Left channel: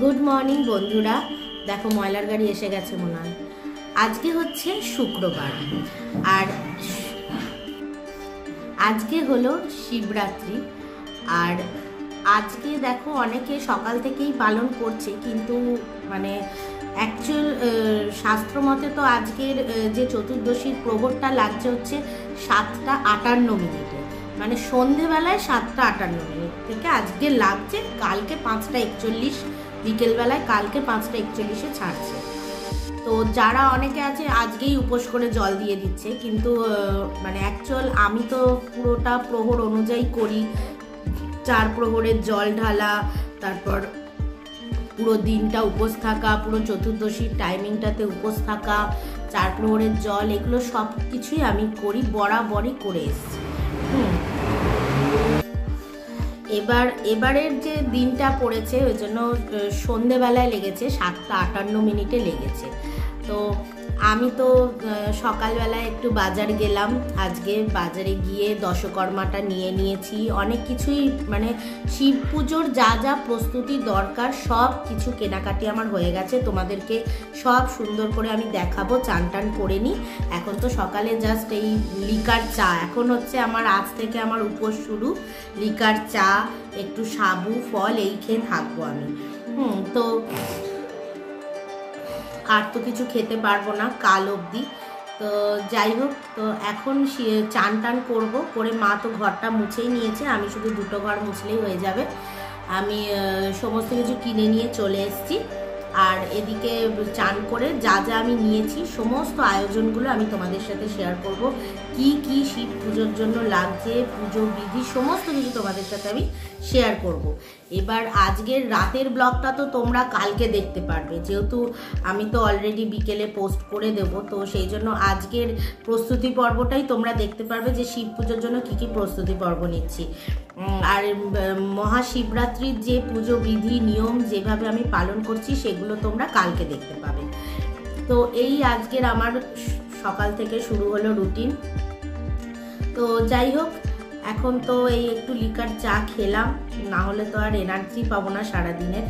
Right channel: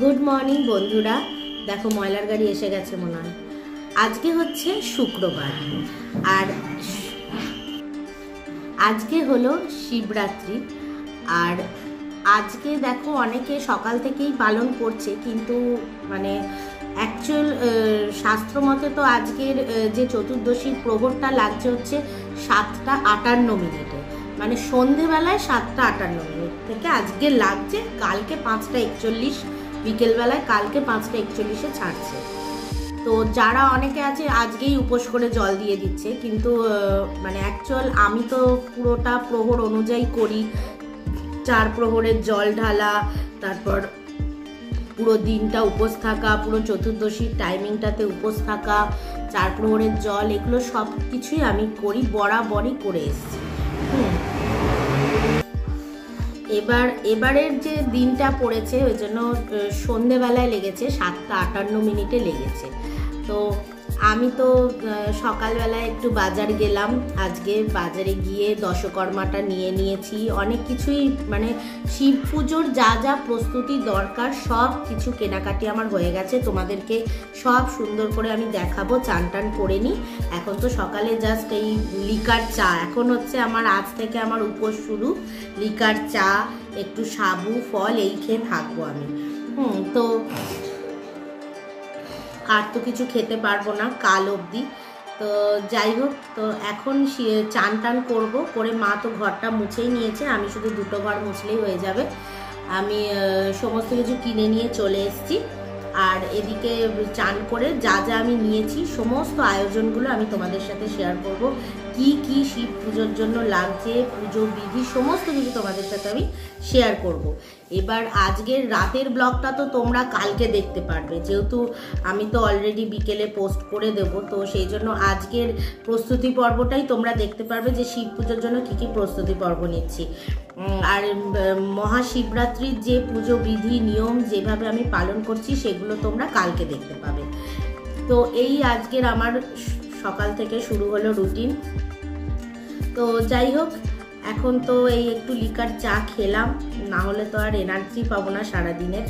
Good morning বন্ধুরা। দেখো ময়লার গাড়ি এসে গেছে মনে হয়। আজকে হচ্ছে শুক্রবার আর আজকে হলো শিবরাত্রি। আর আজকে দেখো অনেকে সকাল থেকেই পালন করছে, কিন্তু মানে অ্যাকচুয়াল শাস্ত্র মতে তো আজকের যে চতুর্দশীর প্রহরটা লাগছে হচ্ছে 7:58, মানে সন্ধেবেলায় 7:58 থেকে আজকে লাগছে। কালকে 5:41 বিকেলবেলায়, কালকে 5:41 ছাড়ছে। তো যারা অনেকে আছে আজকেই উপোস করে জল দিয়ে দিচ্ছে, কিন্তু মানে অ্যাকচুয়াল আমি তো পুরোটা প্রহর অনুযায়ী করি। 4 প্রহরের জল ঢালা, তারপর পুরো দিনটা উপোস থাকা, পুরো চতুর্দশীর টাইমিংটাতে উপোস থাকা, 4 প্রহরের জল, এগুলো সব কিছুই আমি করি, বরাবরই করে এসেছি। এবারের যে দিনটা পড়েছে ওই জন্য সন্ধেবেলায় লেগেছে, 7:58 লেগেছে। তো আমি তো সকালবেলায় একটু বাজার গেলাম। আজকে বাজারে গিয়ে দশকর্মাটা নিয়ে নিয়েছি, অনেক কিছুই, মানে শিব পুজোর যা যা প্রস্তুতি দরকার সব কিছু কেনাকাটি আমার হয়ে গেছে। তোমাদেরকে সব সুন্দর করে আমি দেখাবো। চান টান করে নিই। এখন তো সকালে জাস্ট এই লিকার চা, এখন হচ্ছে আমার আজ থেকে আমার উপোস শুরু। লিকার চা, একটু সাবু ফল এই খেয়ে থাকবো আমি। তো আর তো কিছু খেতে পারবো না কাল অবধি। তো যাই হোক, তো এখন চান টান করবো, করে মা তো ঘরটা মুছেই নিয়েছে, আমি শুধু 2টো ঘর মুছলেই হয়ে যাবে। আমি সমস্ত কিছু কিনে নিয়ে চলে এসেছি। আর এদিকে চান করে যা যা আমি নিয়েছি সমস্ত আয়োজনগুলো আমি তোমাদের সাথে শেয়ার করব। কি কি শিব পুজোর জন্য লাগছে, পুজো বিধি, সমস্ত কিছু তোমাদের সাথে আমি শেয়ার করব। এবার আজকের রাতের ব্লগটা তো তোমরা কালকে দেখতে পারবে, যেহেতু আমি তো অলরেডি বিকেলে পোস্ট করে দেব। তো সেই জন্য আজকের প্রস্তুতি পর্বটাই তোমরা দেখতে পারবে যে শিব পুজোর জন্য কি কি প্রস্তুতি পর্ব নিচ্ছি। আর মহাশিবরাত্রির যে পুজো বিধি নিয়ম যেভাবে আমি পালন করছি সেগুলো তোমরা কালকে দেখতে পাবে। তো এই আজকের আমার সকাল থেকে শুরু হলো রুটিন। তো যাই হোক, এখন তো এই একটু লিকার চা খেলাম, না হলে তো আর এনার্জি পাবো না সারাদিনের।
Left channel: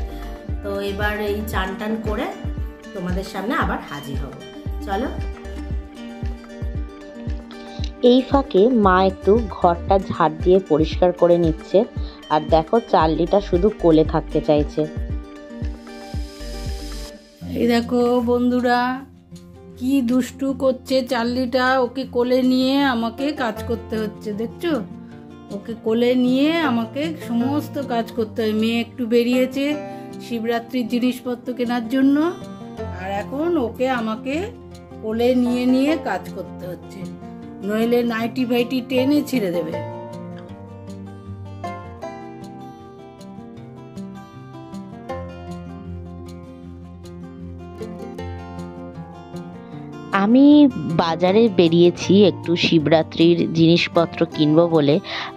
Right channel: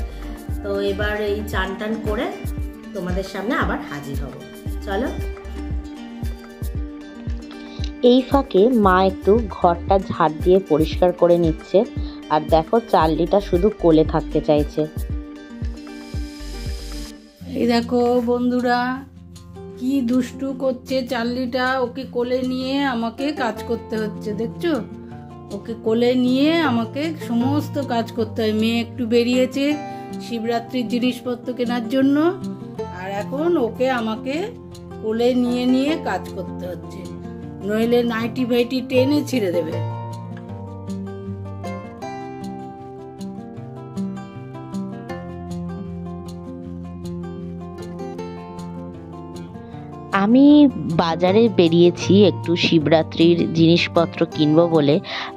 তো এবার এই চান টান করে তোমাদের সামনে আবার হাজির হব। চলো। এই ফাঁকে মা একটু ঘরটা ঝাড় দিয়ে পরিষ্কার করে নিচ্ছে। আর দেখো চার্লিটা শুধু কোলে থাকতে চাইছে। এই দেখো বন্ধুরা, কি দুষ্টু করছে চার্লিটা। ওকে কোলে নিয়ে আমাকে কাজ করতে হচ্ছে, দেখছো? ওকে কোলে নিয়ে আমাকে সমস্ত কাজ করতে হয়। মেয়ে একটু বেরিয়েছে শিবরাত্রির জিনিসপত্র কেনার জন্য, আর এখন ওকে আমাকে কোলে নিয়ে নিয়ে কাজ করতে হচ্ছে, নইলে নাইটি ফাইটি টেনে ছিঁড়ে দেবে। আমি বাজারে বেরিয়েছি একটু শিবরাত্রির জিনিসপত্র কিনবো বলে,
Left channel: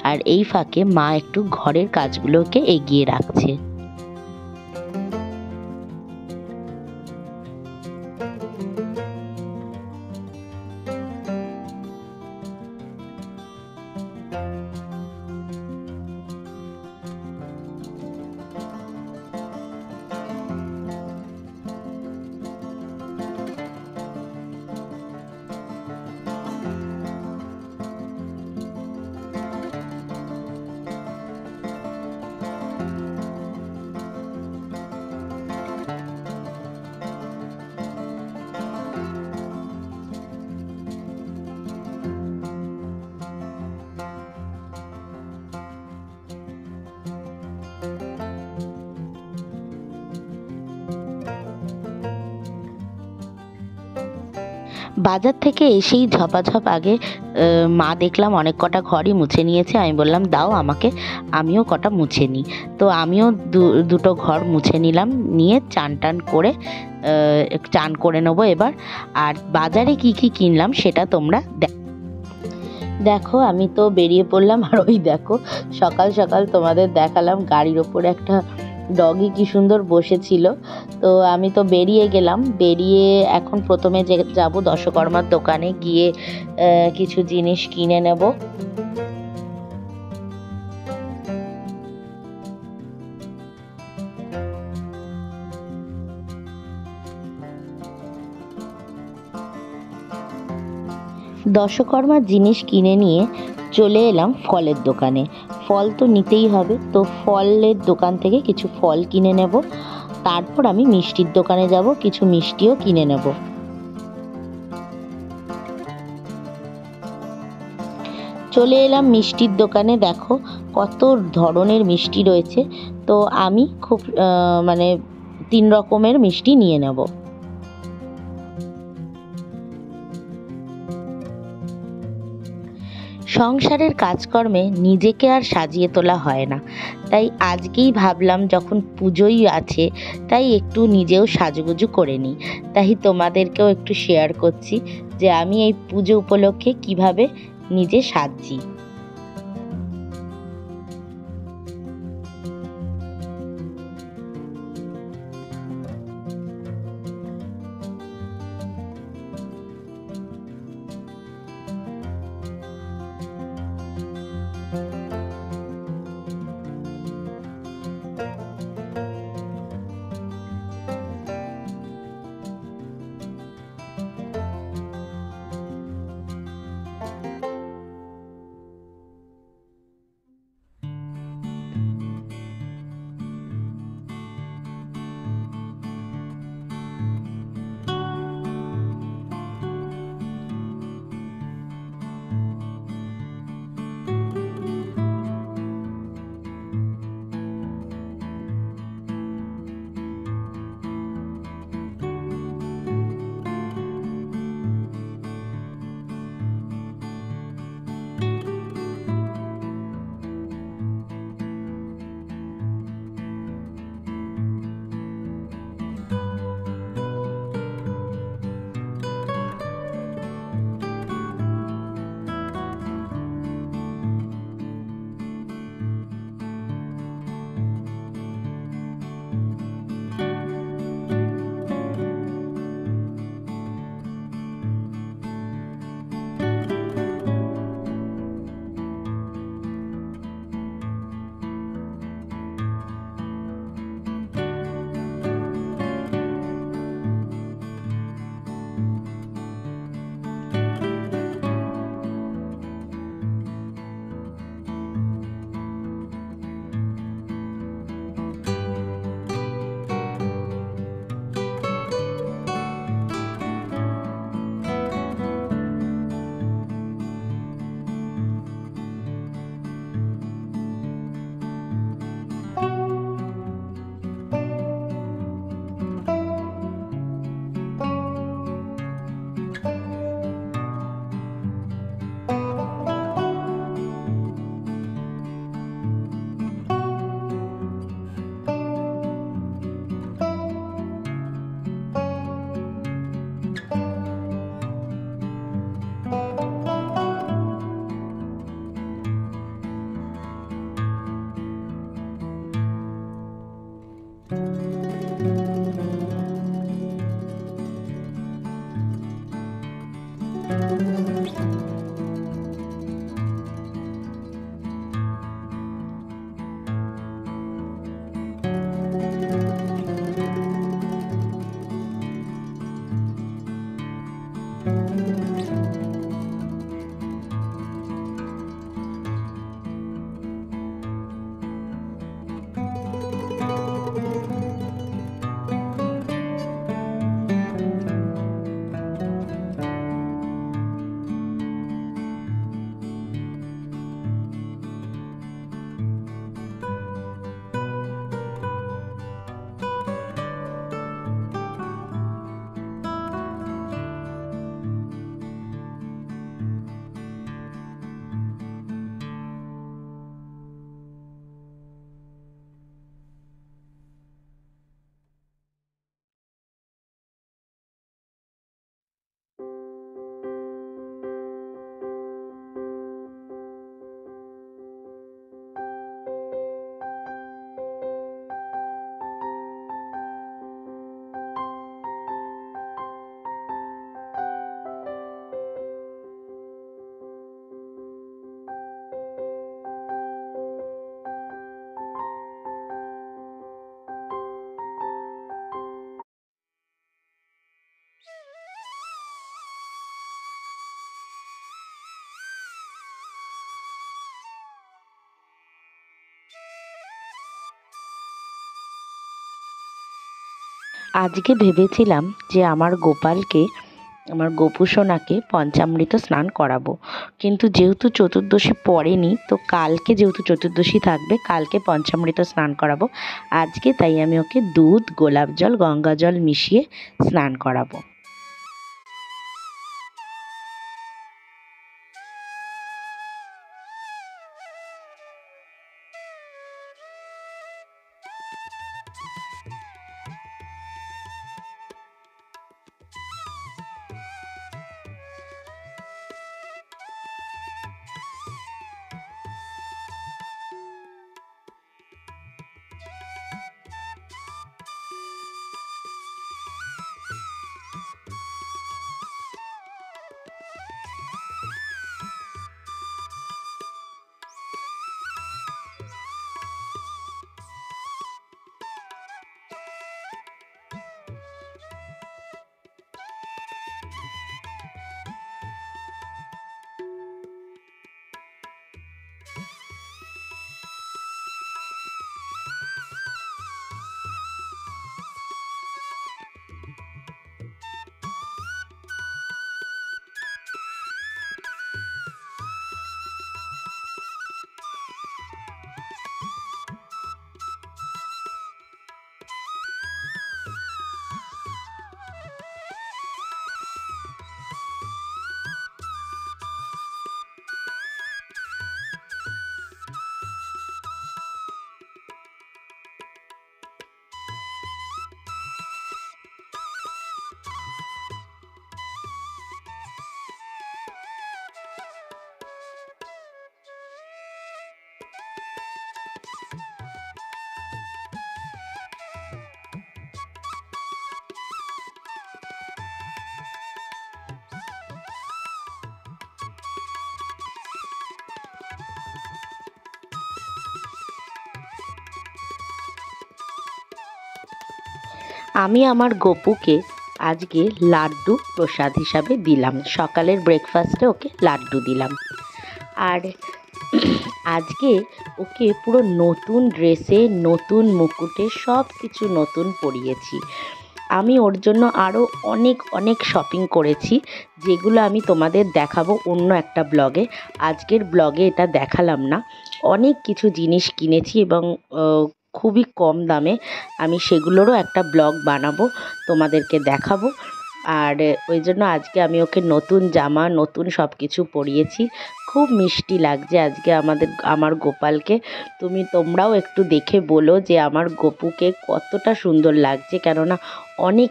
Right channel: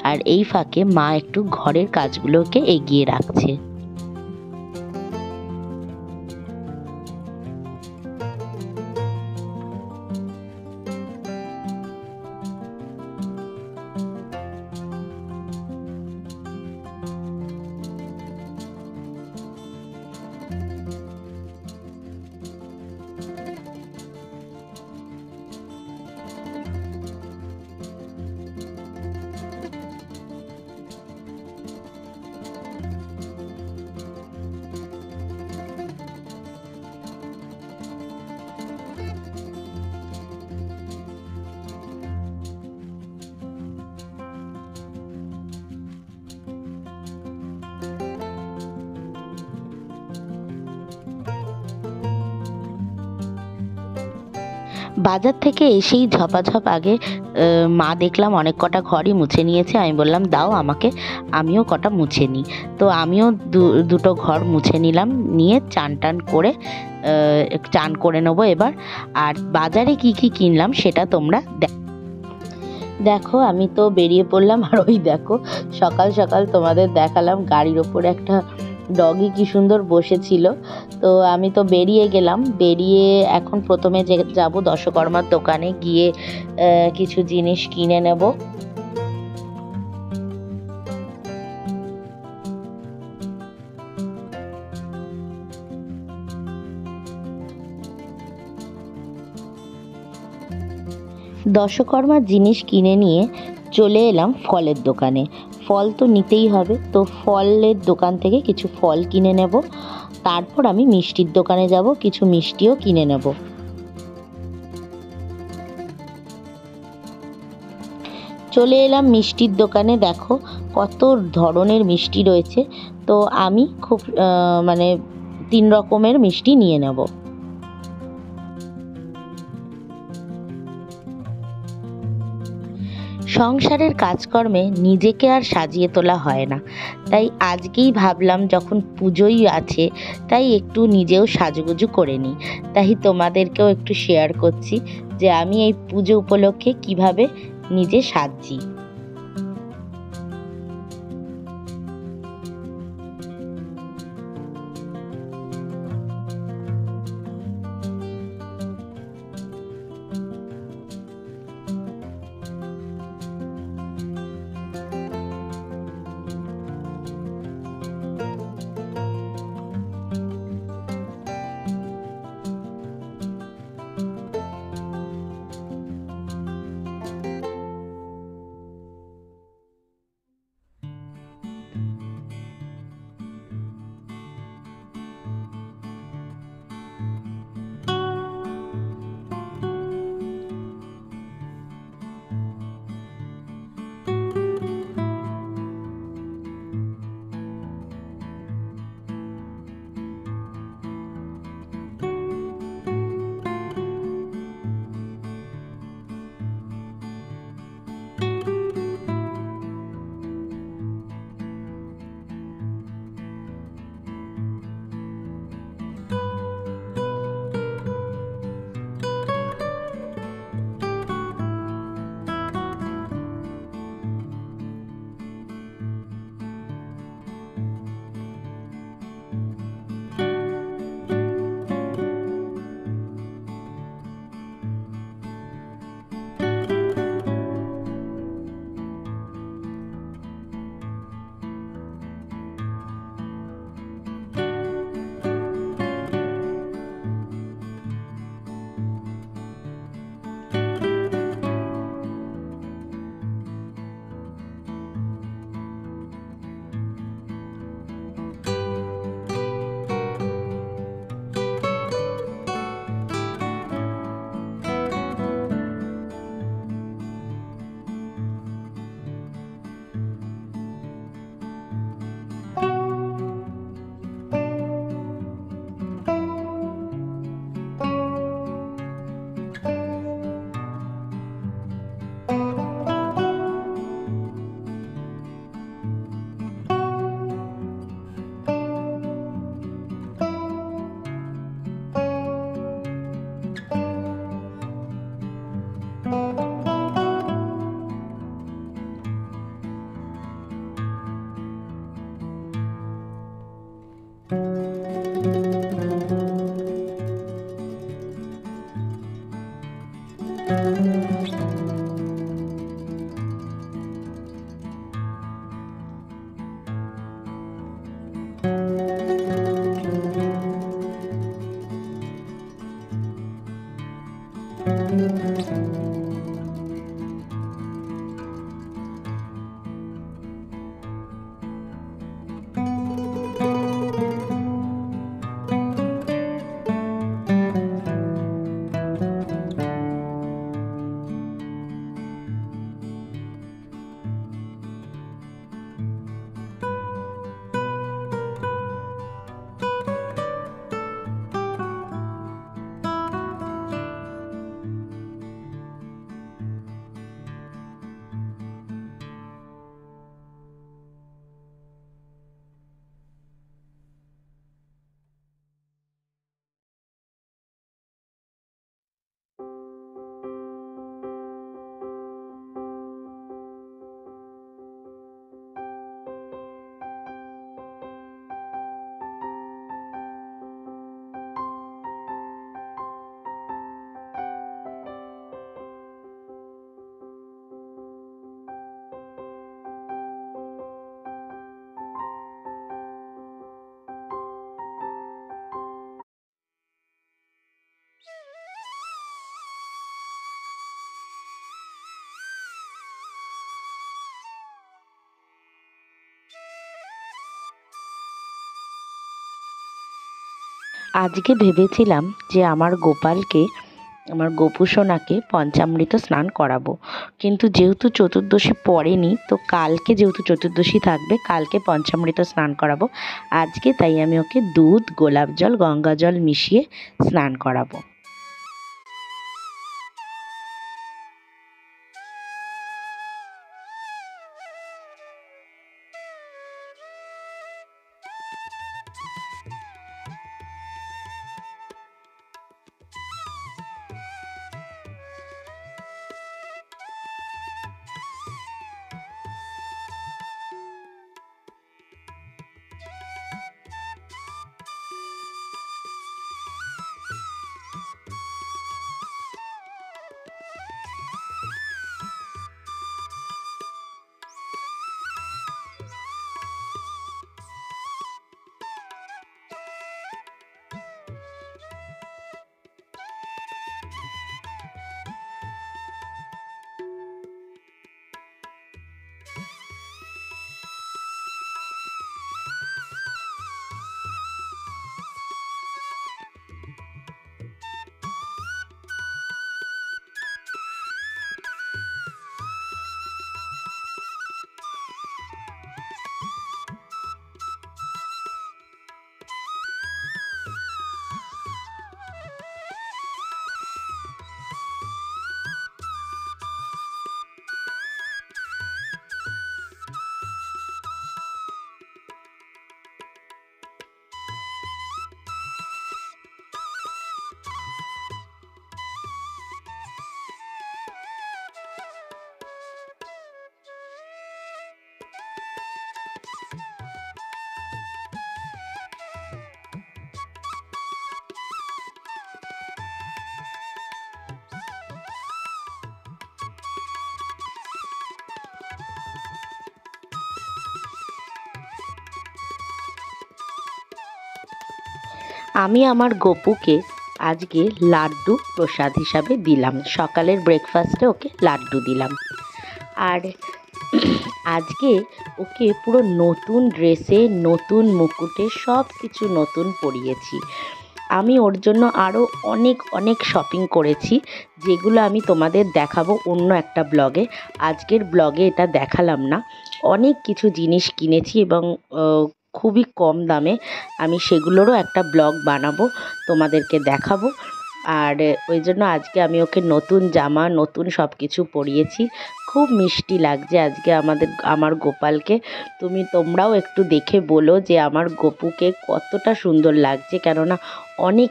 আর এই ফাঁকে মা একটু ঘরের কাজগুলোকে এগিয়ে রাখছে। বাজার থেকে এসেই ঝপাঝপ আগে মা দেখলাম অনেক কটা ঘরই মুছে নিয়েছে। আমি বললাম দাও আমাকে, আমিও কটা মুছে নিই। তো আমিও 2টো ঘর মুছে নিলাম, নিয়ে চান টান করে চান করে নেবো এবার। আর বাজারে কি কি কিনলাম সেটা তোমরা দেখো। আমি তো বেরিয়ে পড়লাম, আর ওই দেখো সকাল সকাল তোমাদের দেখালাম গাড়ির ওপরে একটা ডগি কি সুন্দর বসেছিল। তো আমি তো বেরিয়ে গেলাম। বেরিয়ে এখন প্রথমে যাব দশকর্মার দোকানে, গিয়ে কিছু জিনিস কিনে নেব। দশকর্মার জিনিস কিনে নিয়ে চলে এলাম ফলের দোকানে। ফল তো নিতেই হবে, তো ফলের দোকান থেকে কিছু ফল কিনে নেব। তারপর আমি মিষ্টির দোকানে যাব, কিছু মিষ্টিও কিনে নেব। চলে এলাম মিষ্টির দোকানে। দেখো কত ধরনের মিষ্টি রয়েছে। তো আমি খুব 3 রকমের মিষ্টি নিয়ে নেব। সংসারের কাজকর্মে নিজেকে আর সাজিয়ে তোলা হয় না, তাই আজকেই ভাবলাম যখন পুজোই আছে তাই একটু নিজেও সাজুগুজু করে নিই। তাই তোমাদেরকেও একটু শেয়ার করছি যে আমি এই পুজো উপলক্ষে কিভাবে নিজে সাজছি। আজকে ভেবেছিলাম যে আমার গোপালকে, আমার গোপুসোনাকে পঞ্চামৃত স্নান করাবো, কিন্তু যেহেতু চতুর্দশী পড়েনি, তো কালকে যেহেতু চতুর্দশী থাকবে, কালকে পঞ্চামৃত স্নান করাবো আজকে, তাই আমি ওকে দুধ, গোলাপ জল, গঙ্গা জল মিশিয়ে স্নান করাবো। আমি আমার গপুকে আজকে লাড্ডু প্রসাদ হিসাবে দিলাম, সকালের ব্রেকফাস্টে ওকে লাড্ডু দিলাম। আর আজকে ওকে পুরো নতুন ড্রেসে, নতুন মুকুটে, সব কিছু নতুন পরিয়েছি। আমি ওর জন্য আরও অনেক অনেক শপিং করেছি, যেগুলো আমি তোমাদের দেখাবো অন্য একটা ব্লগে। আজকের ব্লগে এটা দেখালাম না। অনেক কিছু জিনিস কিনেছি এবং খুবই কম দামে। আমি সেগুলোরও একটা ব্লগ বানাবো, তোমাদেরকে দেখাবো। আর ওই জন্য আজকে আমি ওকে নতুন জামা, নতুন সব কিছু পরিয়েছি। খুব মিষ্টি লাগছে আজকে আমার গোপালকে। তোমরাও একটু দেখে বলো যে আমার গপুকে কতটা সুন্দর লাগছে, কেননা অনেক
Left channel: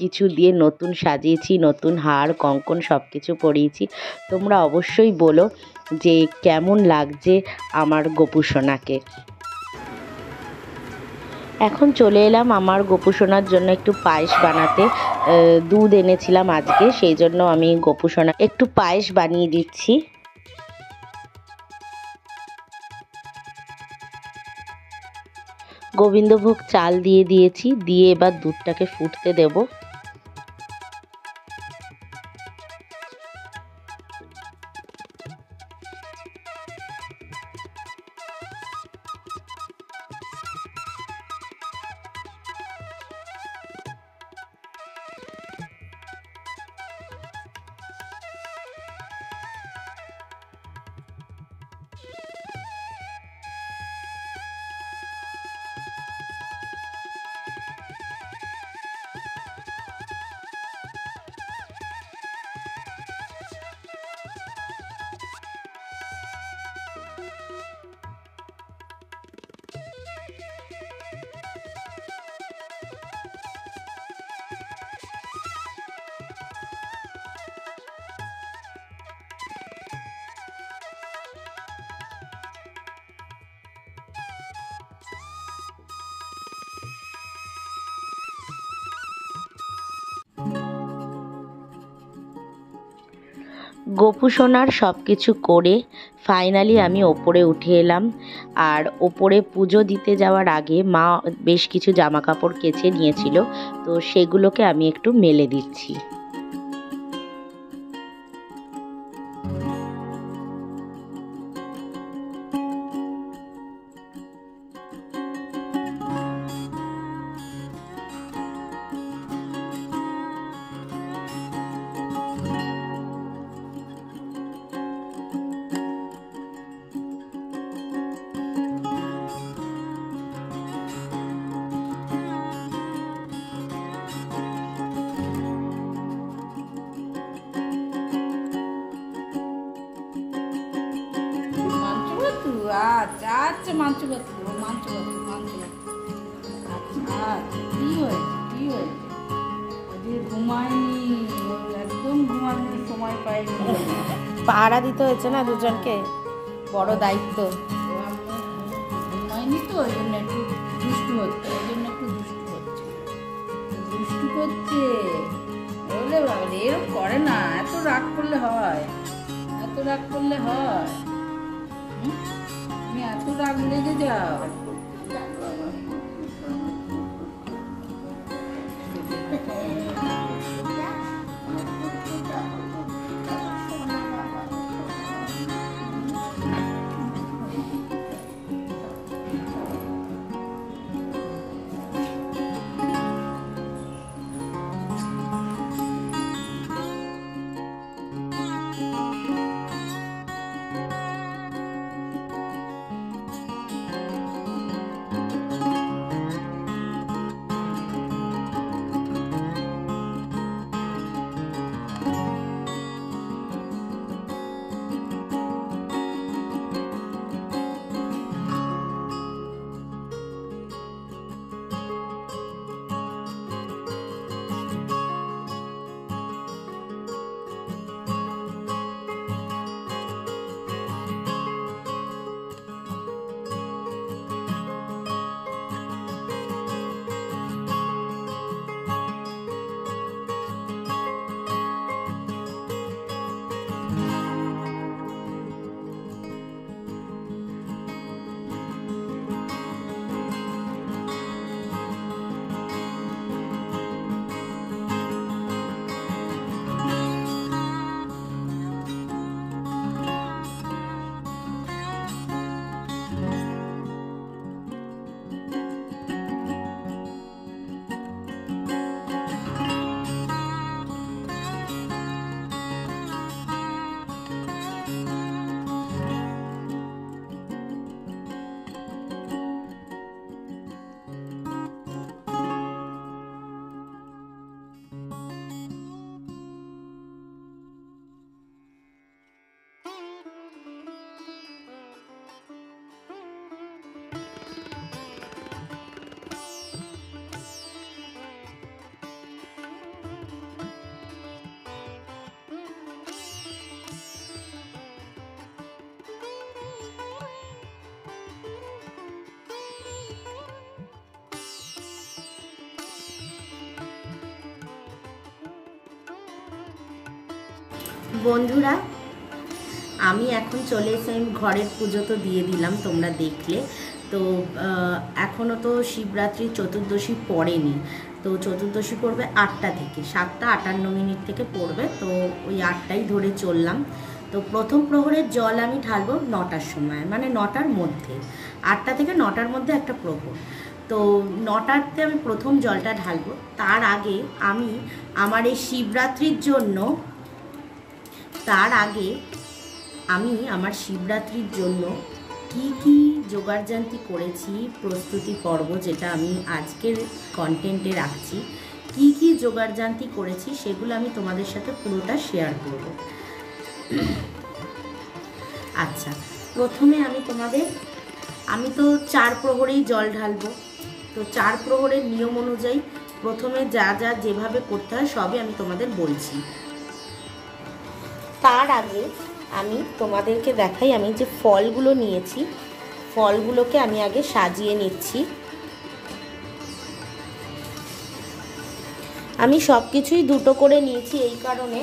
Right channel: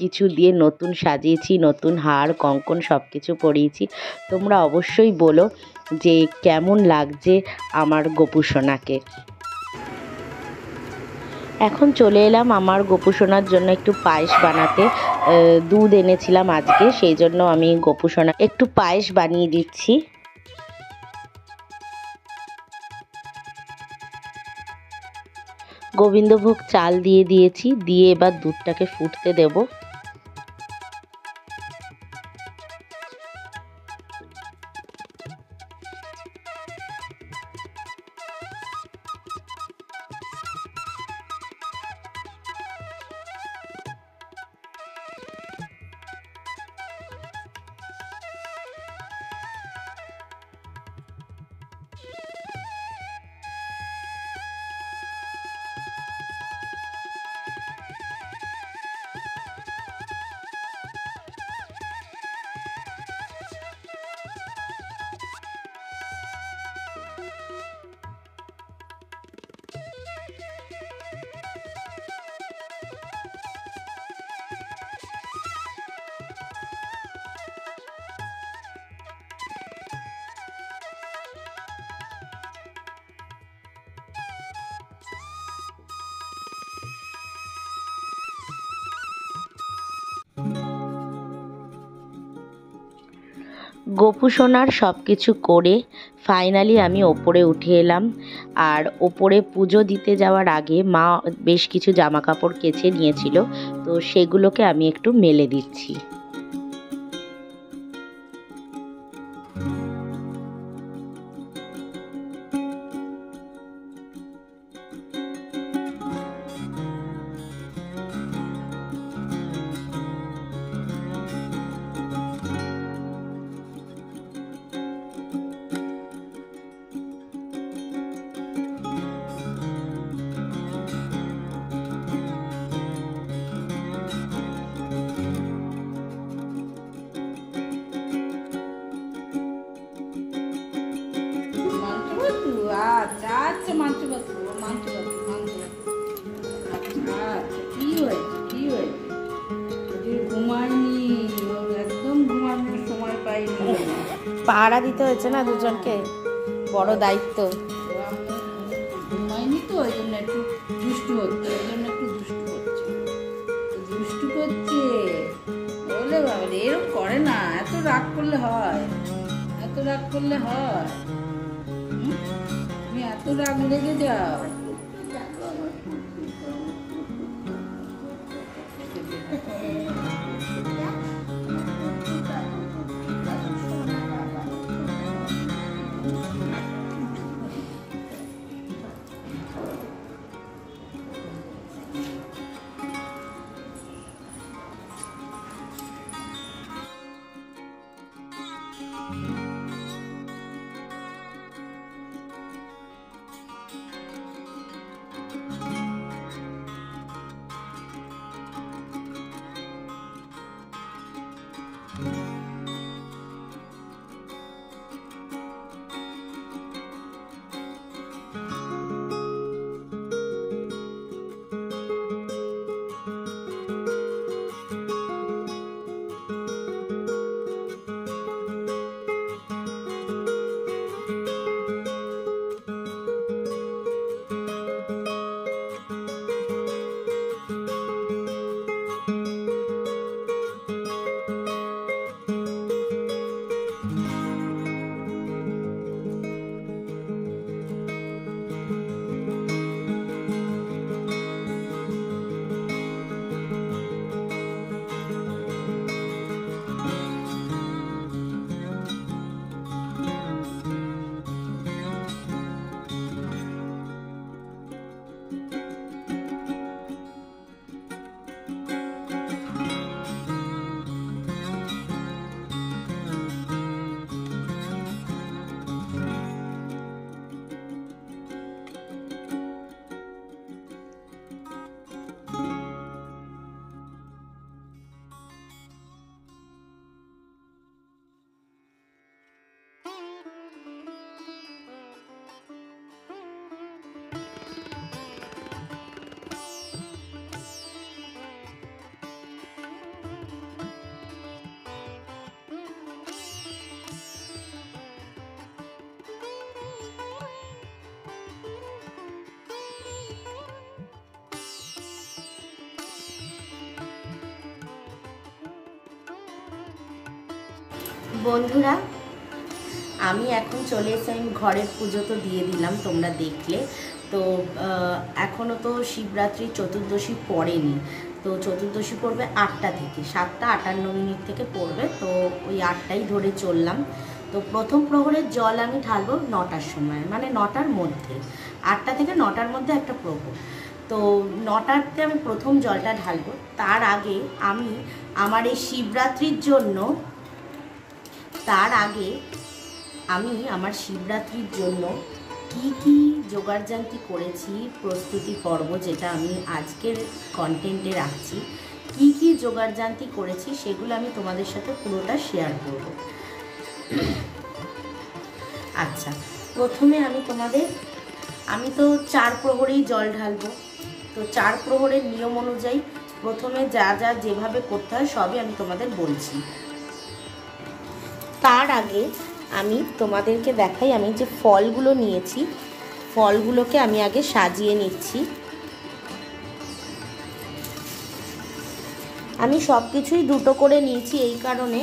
কিছু দিয়ে নতুন সাজিয়েছি, নতুন হার, কঙ্কন সব কিছু পরিয়েছি। তোমরা অবশ্যই বলো যে কেমন লাগছে আমার গোপুসোনাকে। এখন চলে এলাম আমার গোপুসোনার জন্য একটু পায়েস বানাতে। দুধ এনেছিলাম আজকে, সেই জন্য আমি গোপুসোনা একটু পায়েস বানিয়ে দিচ্ছি। গোবিন্দভোগ চাল দিয়ে দিয়েছি, দিয়ে এবার দুধটাকে ফুটতে দেবো। গোপুসোনার সব কিছু করে ফাইনালি আমি ওপরে উঠে এলাম। আর ওপরে পুজো দিতে যাওয়ার আগে মা বেশ কিছু জামা কাপড় কেচে নিয়েছিল, তো সেগুলোকে আমি একটু মেলে দিচ্ছি। কি হয়েছে ঘুমায়নি, একদম ঘুমানোর সময় পাইনি। পাহারা দিতে হয়েছে না দুজনকে, বড় দায়িত্ব। ঘুমায়নি তো ওই জন্য একটু দুষ্টু হচ্ছে, দুষ্টু করছে। বলে বাবা এরকম করে না, এত রাগ করলে হয়? তুমি এত রাগ লেগে যাও? বন্ধুরা, আমি এখন চলে এসে আমি ঘরের পুজো তো দিয়ে দিলাম, তোমরা দেখলে তো। এখনও তো শিবরাত্রি চতুর্দশী পড়েনি, তো চতুর্দশী পড়বে 8টা থেকে, 7:58 থেকে পড়বে, তো ওই 8টাই ধরে চললাম। তো প্রথম প্রহরের জল আমি ঢালবো 9টার সময়, মানে 9টার মধ্যে, 8টা থেকে 9টার মধ্যে একটা প্রহর। তো 9টাতে আমি প্রথম জলটা ঢালবো। তার আগে আমি আমার এই শিবরাত্রির জন্য কি কি জোগাড়জান্তি করেছি, প্রস্তুতি পর্ব যেটা আমি আজকের কন্টেন্টে রাখছি, কি কি জোগাড়জান্তি করেছি সেগুলো আমি তোমাদের সাথে পুরোটা শেয়ার করব। আচ্ছা, প্রথমে আমি তো 4 প্রহরেই জল ঢালবো। তো 4 প্রহরের নিয়ম অনুযায়ী প্রথমে যা যেভাবে করতে হয় সবই আমি তোমাদের বলছি। তার আগে আমি তোমাদেরকে দেখাই, আমি যে ফলগুলো নিয়েছি, ফলগুলোকে আমি আগে সাজিয়ে নিচ্ছি। আমি সব কিছুই দুটো করে নিয়েছি এই কারণে,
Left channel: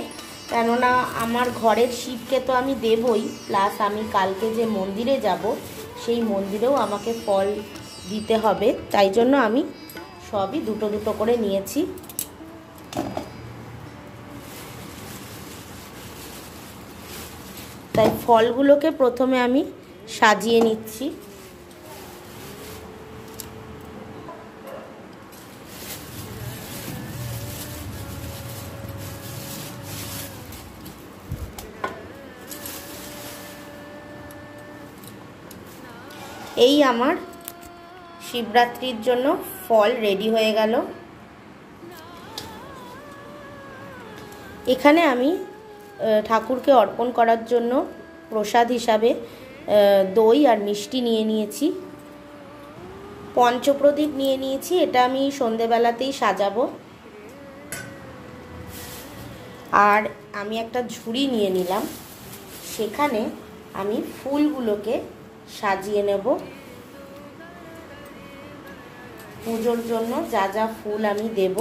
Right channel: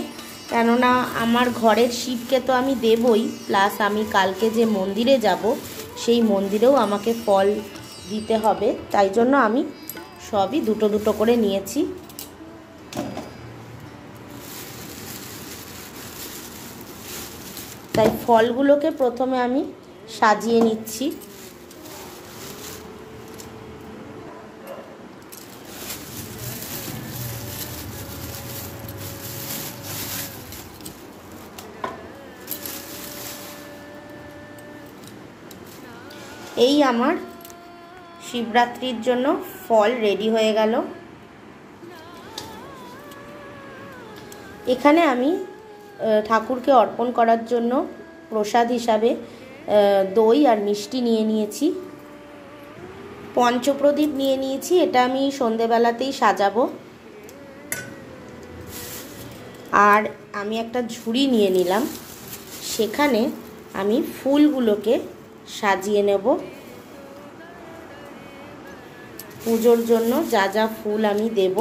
কেননা আমার ঘরের শিবকে তো আমি দেবই, প্লাস আমি কালকে যে মন্দিরে যাব সেই মন্দিরেও আমাকে ফল দিতে হবে, তাই জন্য আমি সবই দুটো দুটো করে নিয়েছি। তাই ফলগুলোকে প্রথমে আমি সাজিয়ে নিচ্ছি। এই আমার শিবরাত্রির জন্য ফল রেডি হয়ে গেল। এখানে আমি ঠাকুরকে অর্পণ করার জন্য প্রসাদ হিসাবে দই আর মিষ্টি নিয়ে নিয়েছি। পঞ্চপ্রদীপ নিয়ে নিয়েছি, এটা আমি সন্ধেবেলাতেই সাজাবো। আর আমি একটা ঝুড়ি নিয়ে নিলাম, সেখানে আমি ফুলগুলোকে সাজিয়ে নেব। পুজোর জন্য যা যা ফুল আমি দেব,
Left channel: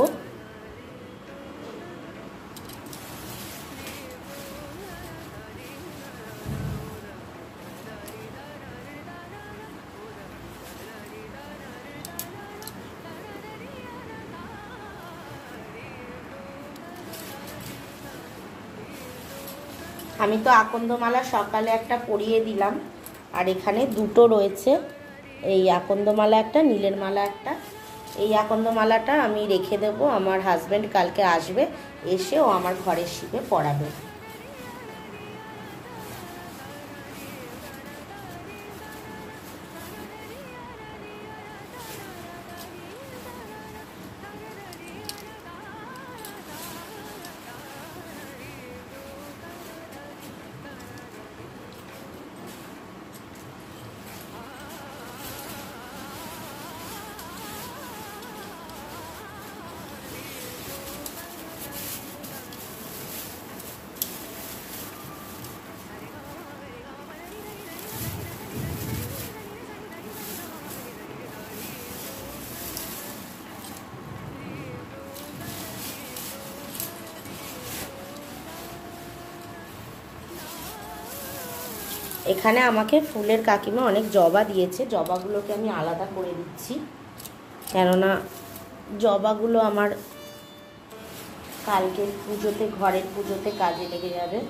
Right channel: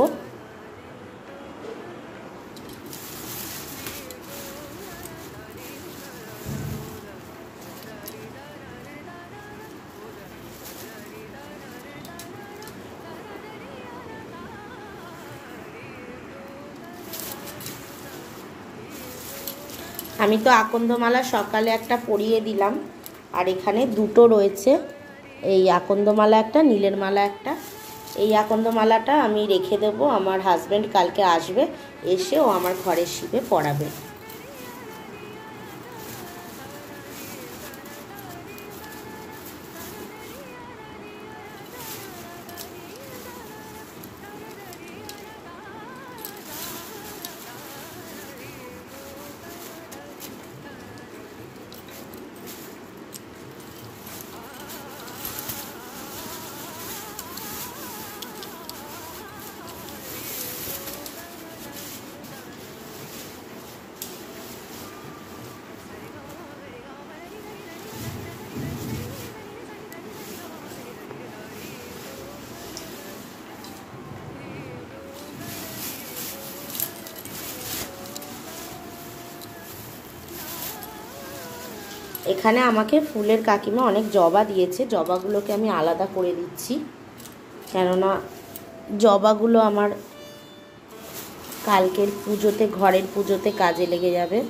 আমি তো আকন্দমালা সকালে একটা পরিয়ে দিলাম, আর এখানে দুটো রয়েছে, এই আকন্দমালা একটা, নীলের মালা একটা। এই আকন্দমালাটা আমি রেখে দেব, আমার হাজবেন্ড কালকে আসবে, এসে ও আমার ঘরের শিবে পরাবে। এখানে আমাকে ফুলের কাকিমা অনেক জবা দিয়েছে, জবাগুলোকে আমি আলাদা করে দিচ্ছি, কেননা জবাগুলো আমার কালকের পুজোতে, ঘরের পুজোতে কাজে লেগে যাবে।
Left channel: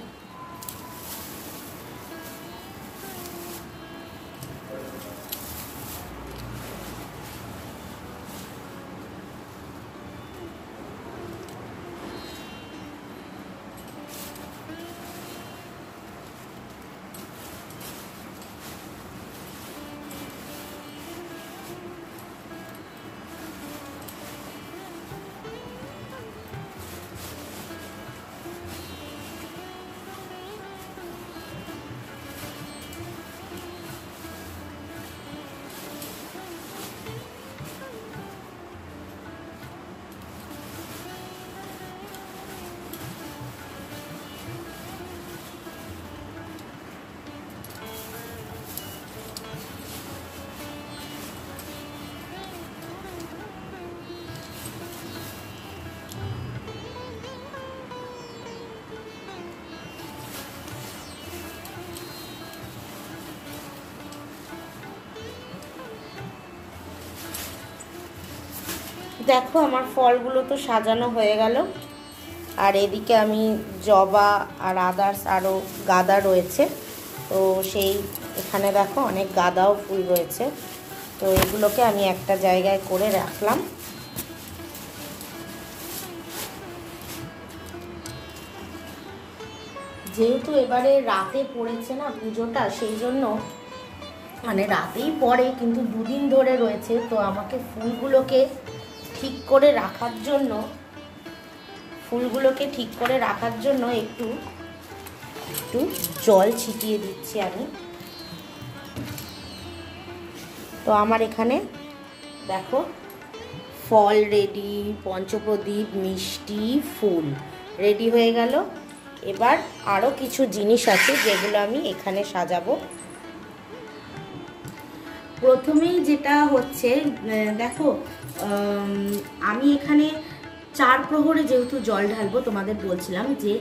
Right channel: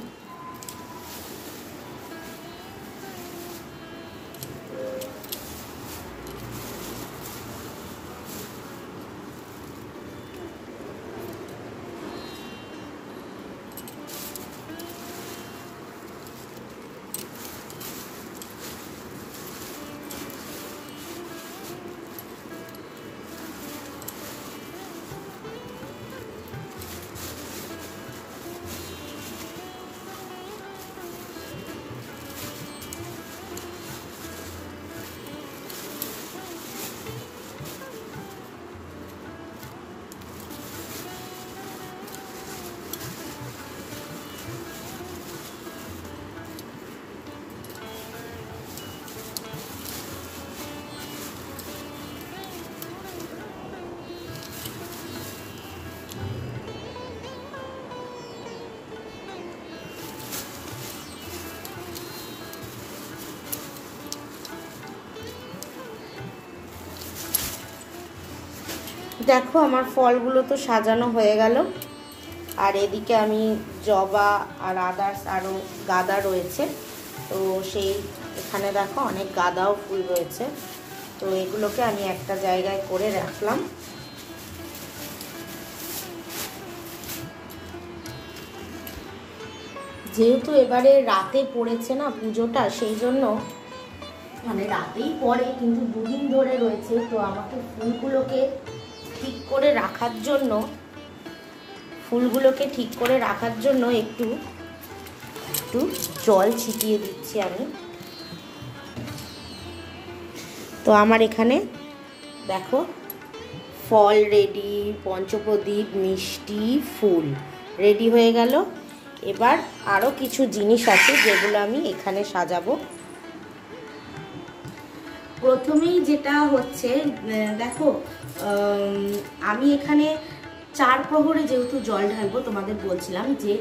দেখো আমার ফলগুলো তো সাজানো হয়ে গেল, আর এদিকে আমি জবা আর আদার্স আরও গাঁদা রয়েছে, তো সেই এখানে দেখো অনেক গাঁদাও ফুল রয়েছে, তো এগুলোকে আমি একটা জায়গায় করে রাখলাম। যেহেতু এবারে রাতে পড়েছে না পুজোটা, সেই জন্য মানে রাতেই পড়ে কিন্তু দুদিন ধরে রয়েছে, তো আমাকে ফুলগুলোকে ঠিক করে রাখার জন্য একটু জল ছিটিয়ে দিচ্ছি আমি। তো আমার এখানে দেখো ফল রেডি, পঞ্চপ্রদীপ, মিষ্টি, ফুল রেডি হয়ে গেল। এবার আরও কিছু জিনিস আছে যেগুলো আমি এখানে সাজাবো। প্রথমেই যেটা হচ্ছে দেখো, আমি এখানে 4 প্রহরে যেহেতু জল ঢালবো, তোমাদের বলছিলাম যে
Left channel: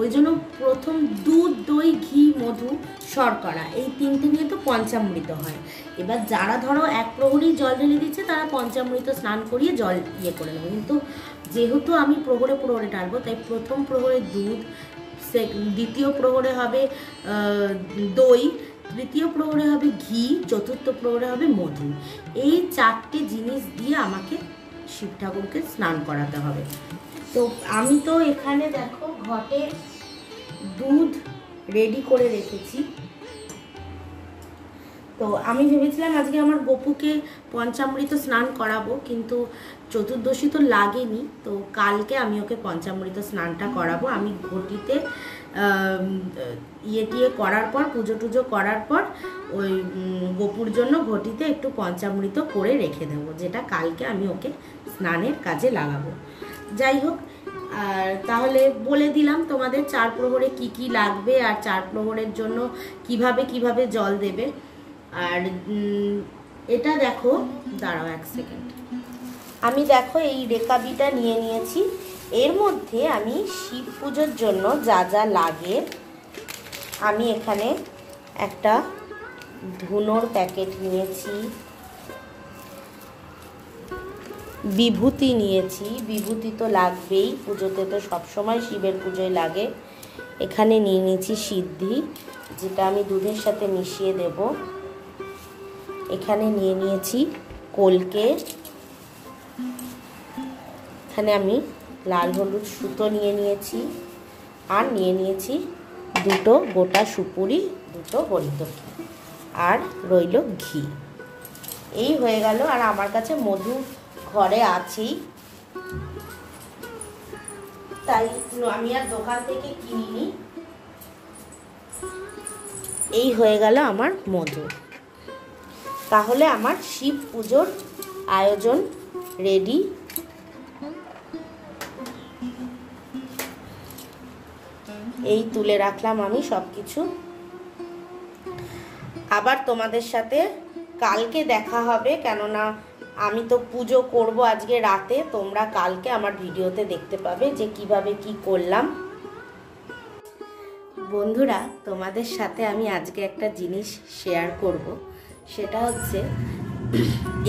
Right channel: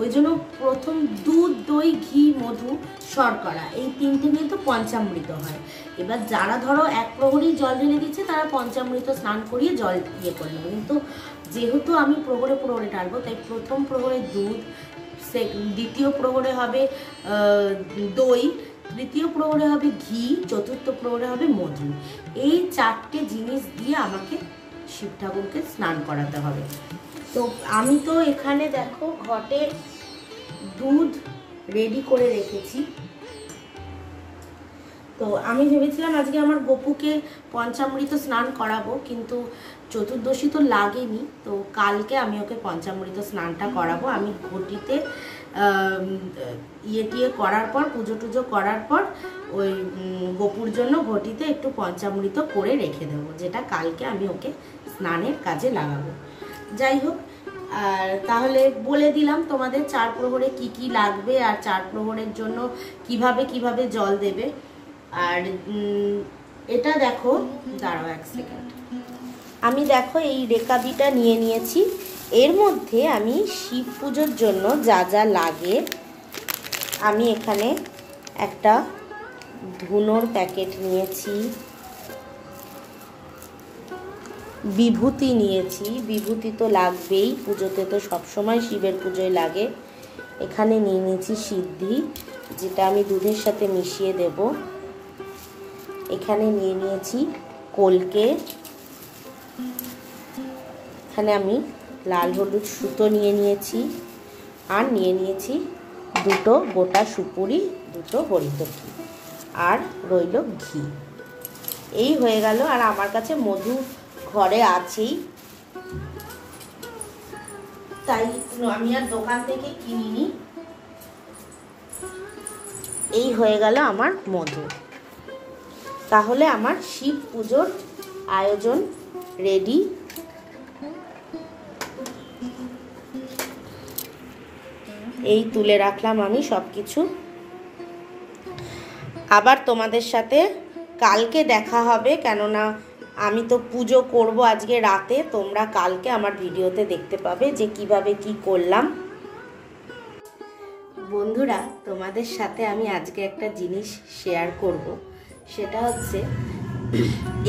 ওই জন্য প্রথম দুধ, দই, ঘি, মধু, শর্করা এই 3টে নিয়ে তো পঞ্চামৃত হয়। এবার যারা ধরো 1 প্রহরেই জল ঢেলে দিচ্ছে তারা পঞ্চামৃত স্নান করিয়ে জল ইয়ে করে নেবে, কিন্তু যেহেতু আমি প্রহরে প্রহরে ঢালবো তাই প্রথম প্রহরে দুধ, দ্বিতীয় প্রহরে হবে দই, তৃতীয় প্রহরে হবে ঘি, চতুর্থ প্রহরে হবে মধু। এই 4টে জিনিস দিয়ে আমাকে শিব ঠাকুরকে স্নান করাতে হবে। তো আমি তো এখানে দেখো ঘটে দুধ রেডি করে রেখেছি। তো আমি ভেবেছিলাম আজকে আমার গপুকে পঞ্চামৃত স্নান করাবো, কিন্তু চতুর্দশী তো লাগেনি, তো কালকে আমি ওকে পঞ্চামৃত স্নানটা করাবো। আমি ঘটিতে ইয়ে টিয়ে করার পর, পুজো টুজো করার পর ওই গোপুর জন্য ঘটিতে একটু পঞ্চামৃত করে রেখে দেবো, যেটা কালকে আমি ওকে স্নানের কাজে লাগাবো। যাই হোক, আর তাহলে বলে দিলাম তোমাদের 4 প্রহরে কি কি লাগবে আর 4 প্রহরের জন্য কিভাবে জল দেবে। আর এটা দেখো, দাঁড়াও 1 সেকেন্ড, আমি দেখো এই রেকাবিটা নিয়ে নিয়েছি। এর মধ্যে আমি শিব পুজোর জন্য যা যা লাগে, আমি এখানে একটা ধুনোর প্যাকেট নিয়েছি, বিভূতি নিয়েছি, বিভূতি তো লাগবেই, পুজোতে তো সবসময় শিবের পুজোয় লাগে। এখানে নিয়ে নিয়েছি সিদ্ধি, যেটা আমি দুধের সাথে মিশিয়ে দেব। এখানে নিয়ে নিয়েছি কলকে, এখানে আমি লাল হলুদ সুতো নিয়ে নিয়েছি, আর নিয়ে নিয়েছি 2 গোটা সুপুরি, 2 হরিতকি, আর রইল ঘি। এই হয়ে গেল। আর আমার কাছে মধু ঘরে আছেই, তাই আমি আর দোকান থেকে কিনিনি। এই হয়ে গেল আমার মধু। তাহলে আমার শিব পুজোর আয়োজন রেডি। এই তুলে রাখলাম আমি সবকিছু। আবার তোমাদের সাথে কালকে দেখা হবে, কেননা আমি তো পুজো করব আজকে রাতে, তোমরা কালকে আমার ভিডিওতে দেখতে পাবে যে কিভাবে কি করলাম। বন্ধুরা, তোমাদের সাথে আমি আজকে একটা জিনিস শেয়ার করব, সেটা হচ্ছে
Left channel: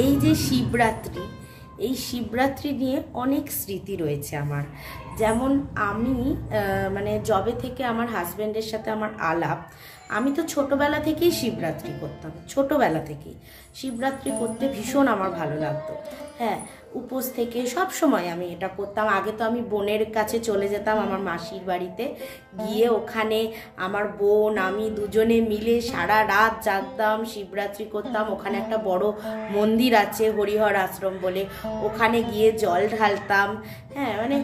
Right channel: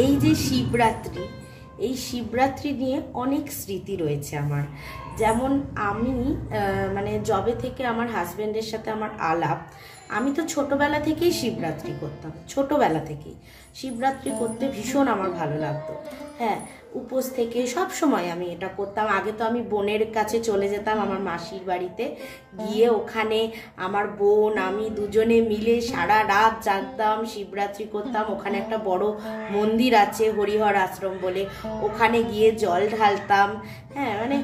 এই যে শিবরাত্রি, এই শিবরাত্রি নিয়ে অনেক স্মৃতি রয়েছে আমার। যেমন আমি মানে যবে থেকে আমার হাজব্যান্ডের সাথে আমার আলাপ, আমি তো ছোটবেলা থেকেই শিবরাত্রি করতাম, ছোটবেলা থেকেই শিবরাত্রি করতে ভীষণ আমার ভালো লাগতো। হ্যাঁ, উপোস থেকে সব সময় আমি এটা করতাম। আগে তো আমি বোনের কাছে চলে যেতাম, আমার মাসির বাড়িতে গিয়ে ওখানে আমার বোন আমি দুজনে মিলে সারা রাত জাগতাম, শিবরাত্রি করতাম। ওখানে একটা বড় মন্দির আছে, হরিহর আশ্রম বলে, ওখানে গিয়ে জল ঢালতাম। হ্যাঁ, মানে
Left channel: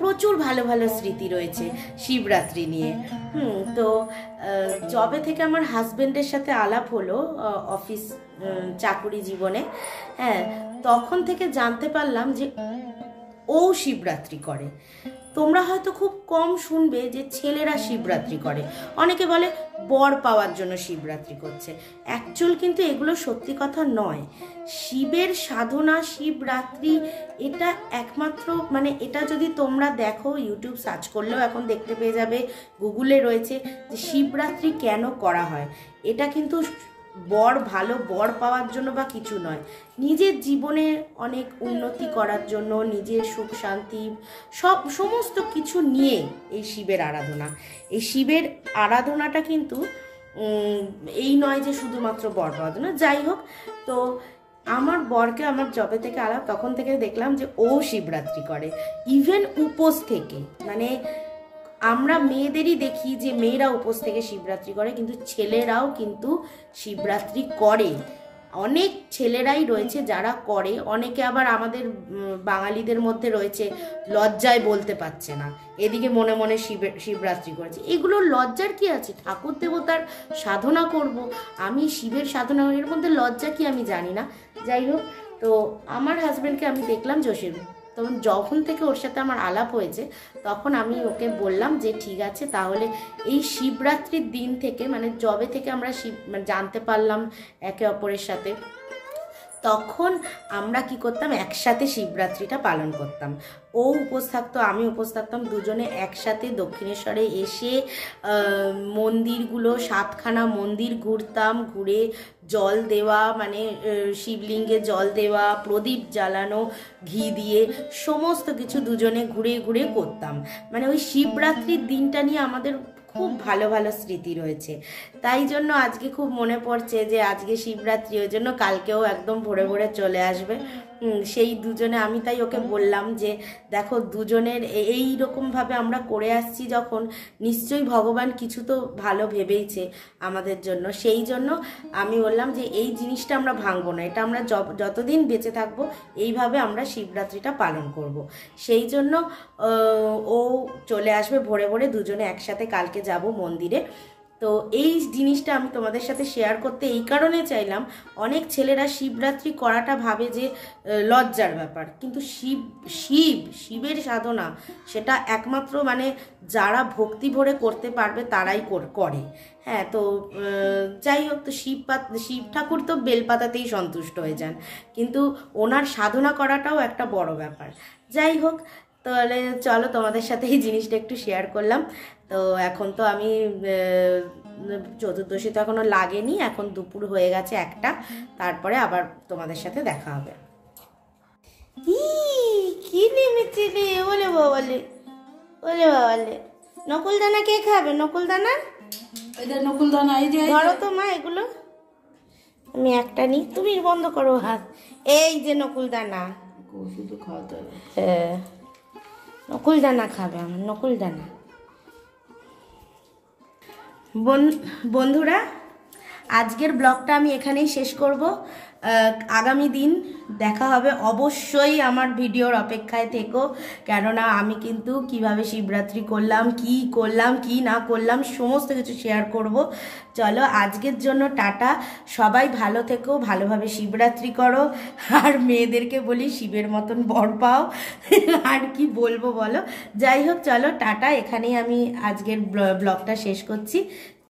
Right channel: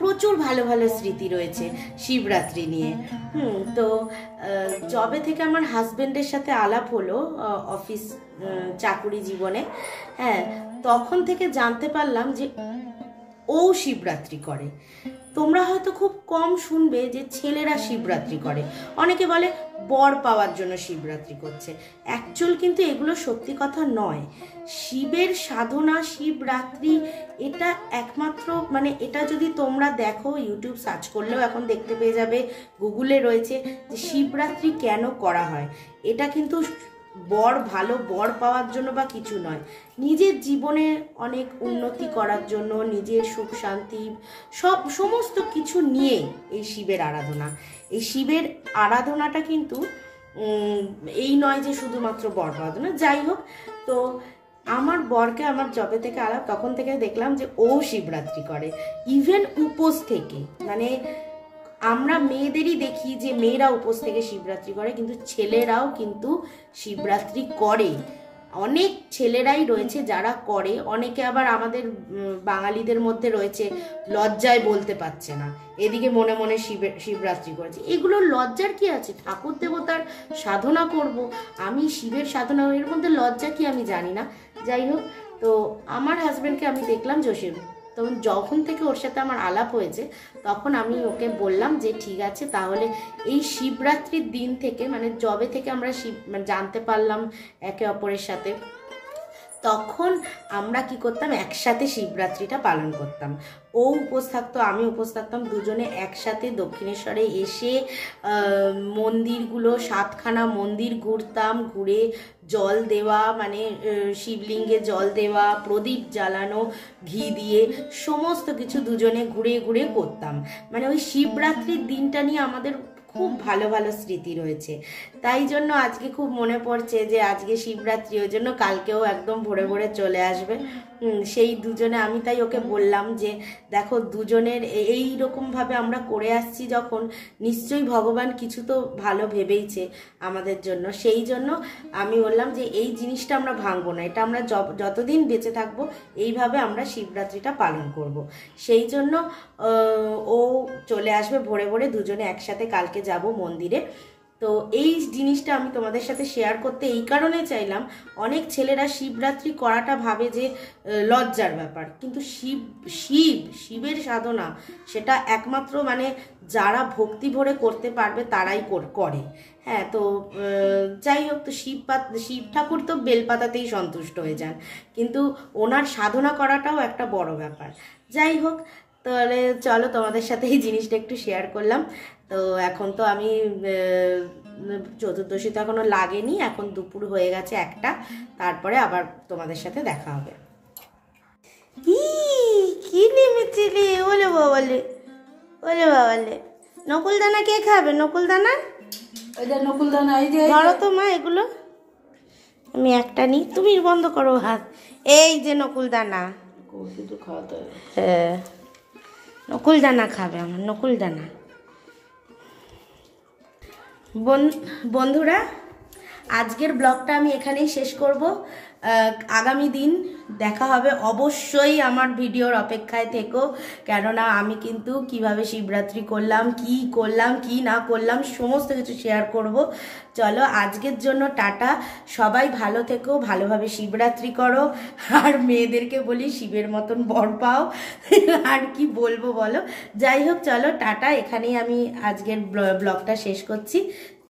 প্রচুর ভালো ভালো স্মৃতি রয়েছে শিবরাত্রি নিয়ে। তো যবে থেকে আমার হাজবেন্ডের সাথে আলাপ হলো অফিস চাকুরি জীবনে, হ্যাঁ, তখন থেকে জানতে পারলাম যে ও শিবরাত্রি করে। তোমরা হয়তো খুব কম শুনবে যে ছেলেরা শিবরাত্রি করে, অনেকে বলে বর পাওয়ার জন্য শিবরাত্রি করছে। অ্যাকচুয়াল কিন্তু এগুলো সত্যি কথা নয়। শিবের সাধনা, শিবরাত্রি এটা একমাত্র, মানে এটা যদি তোমরা দেখো, ইউটিউব সার্চ করলেও এখন দেখতে পেয়ে যাবে, গুগলে রয়েছে যে শিবরাত্রি কেন করা হয়। এটা কিন্তু ভালো বর পাওয়ার জন্য বা কিছু নয়, নিজের জীবনে অনেক উন্নতি করার জন্য, নিজের সুখ শান্তি সমস্ত কিছু নিয়ে এই শিবের আরাধনা। এই শিবের আরাধনাটা কিন্তু এই নয় যে শুধুমাত্র বর পাওয়ার জন্য। যাই হোক, তো আমার বরকে আমার যবে থেকে আলাপ, তখন থেকে দেখলাম যে ও শিবরাত্রি করে, ইভেন উপোস থেকে। মানে আমরা মেয়েদেরই দেখি যে মেয়েরা উপোস থেকে শিবরাত্রি করে, কিন্তু ছেলেরাও কিন্তু শিবরাত্রি করে। অনেক ছেলেরাই রয়েছে যারা করে, অনেকে আবার আমাদের বাঙালিদের মধ্যে রয়েছে লজ্জায় বলতে পারছে না, এদিকে মনে মনে শিবরাত্রি করেছে। এগুলো লজ্জার কি আছে? ঠাকুর দেবতার সাধনা করব, আমি শিবের সাধনা, এর মধ্যে লজ্জা কি আমি জানি না। যাই হোক, তো আমার হাজবেন্ডকে আমি দেখলাম জোশীর, তখন যখন থেকে ওর সাথে আমার আলাপ হয়েছে, তখন আমি ওকে বললাম যে ঠিক আছে, তাহলে এই শিবরাত্রির দিন থেকে, মানে যবে থেকে আমরা জানতে পারলাম একে অপরের সাথে, তখন আমরা কি করতাম, একসাথে শিবরাত্রিটা পালন করতাম। ও উপোস থাকতো, আমি উপোস থাকতাম, দুজনে একসাথে দক্ষিণেশ্বরে এসে মন্দিরগুলো 7খানা মন্দির ঘুরতাম, ঘুরে জল দেওয়া, মানে শিবলিঙ্গে জল দেওয়া, প্রদীপ জ্বালানো ঘি দিয়ে, সমস্ত কিছু দুজনে ঘুরে ঘুরে করতাম। মানে ওই শিবরাত্রির দিনটা নিয়ে আমাদের খুব ভালো ভালো স্মৃতি রয়েছে। তাই জন্য আজকে খুব মনে পড়ছে যে আজকে শিবরাত্রি, ওই জন্য কালকেও একদম ভোরে ভোরে চলে আসবে। সেই দুজনে আমি তাই ওকে বললাম যে দেখো দুজনের এই রকমভাবে আমরা করে আসছি যখন, নিশ্চয়ই ভগবান কিছু তো ভালো ভেবেইছে আমাদের জন্য। সেই জন্য আমি বললাম যে এই জিনিসটা আমরা ভাঙবো না, এটা আমরা যতদিন বেঁচে থাকবো এইভাবে আমরা শিবরাত্রিটা পালন করব। সেই জন্য ও চলে আসবে ভোরে ভোরে, দুজনে একসাথে কালকে যাব মন্দিরে। তো এই জিনিসটা আমি তোমাদের সাথে শেয়ার করতে এই কারণে চাইলাম, অনেক ছেলেরা শিবরাত্রি করাটা ভাবে যে লজ্জার ব্যাপার, কিন্তু শিবের সাধনা সেটা একমাত্র মানে যারা ভক্তি ভরে করতে পারবে তারাই করে। হ্যাঁ, তো যাই হোক, তো শিব ঠাকুর তো বেলপাতাতেই সন্তুষ্ট হয়ে যান, কিন্তু ওনার সাধনা করাটাও একটা বড় ব্যাপার। যাই হোক, তাহলে চলো তোমাদের সাথে এই জিনিসটা একটু শেয়ার করলাম। তো এখন তো আমি চতুর্দশী তো এখনো লাগেনি, এখন দুপুর হয়ে গেছে 1টা, তারপরে আবার তোমাদের সাথে দেখা হবে। কি নেমেছিলি? ওলে বাবালে, ওলে বাবালে, নকুলদানা কে খাবে? নকুলদানা ধরো তো মা, এগুলো আমি একটা নিই, তুমি বন্ধ করো হাত। এই যে নকুলদানা, হ্যাঁ নকুলদানা খাবে আমার, নকুলদানা। বন্ধুরা, আজকের ব্লগটা আমি এখানেই শেষ করব। আগামী দিন দেখা হবে, অবশ্যই আমার ভিডিওর অপেক্ষায় থেকো, কেননা আমি কিন্তু কিভাবে শিবরাত্রি করলাম, কি না করলাম সমস্ত কিছু শেয়ার করব। চলো আজকের জন্য টাটা, সবাই ভালো থেকো, ভালোভাবে শিবরাত্রি করো, আর মেয়েদেরকে বলি শিবের মতন বর পাও, আর কি বলবো বলো। যাই হোক, চলো টাটা, এখানেই আমি আজকের ব্লগটা শেষ করছি।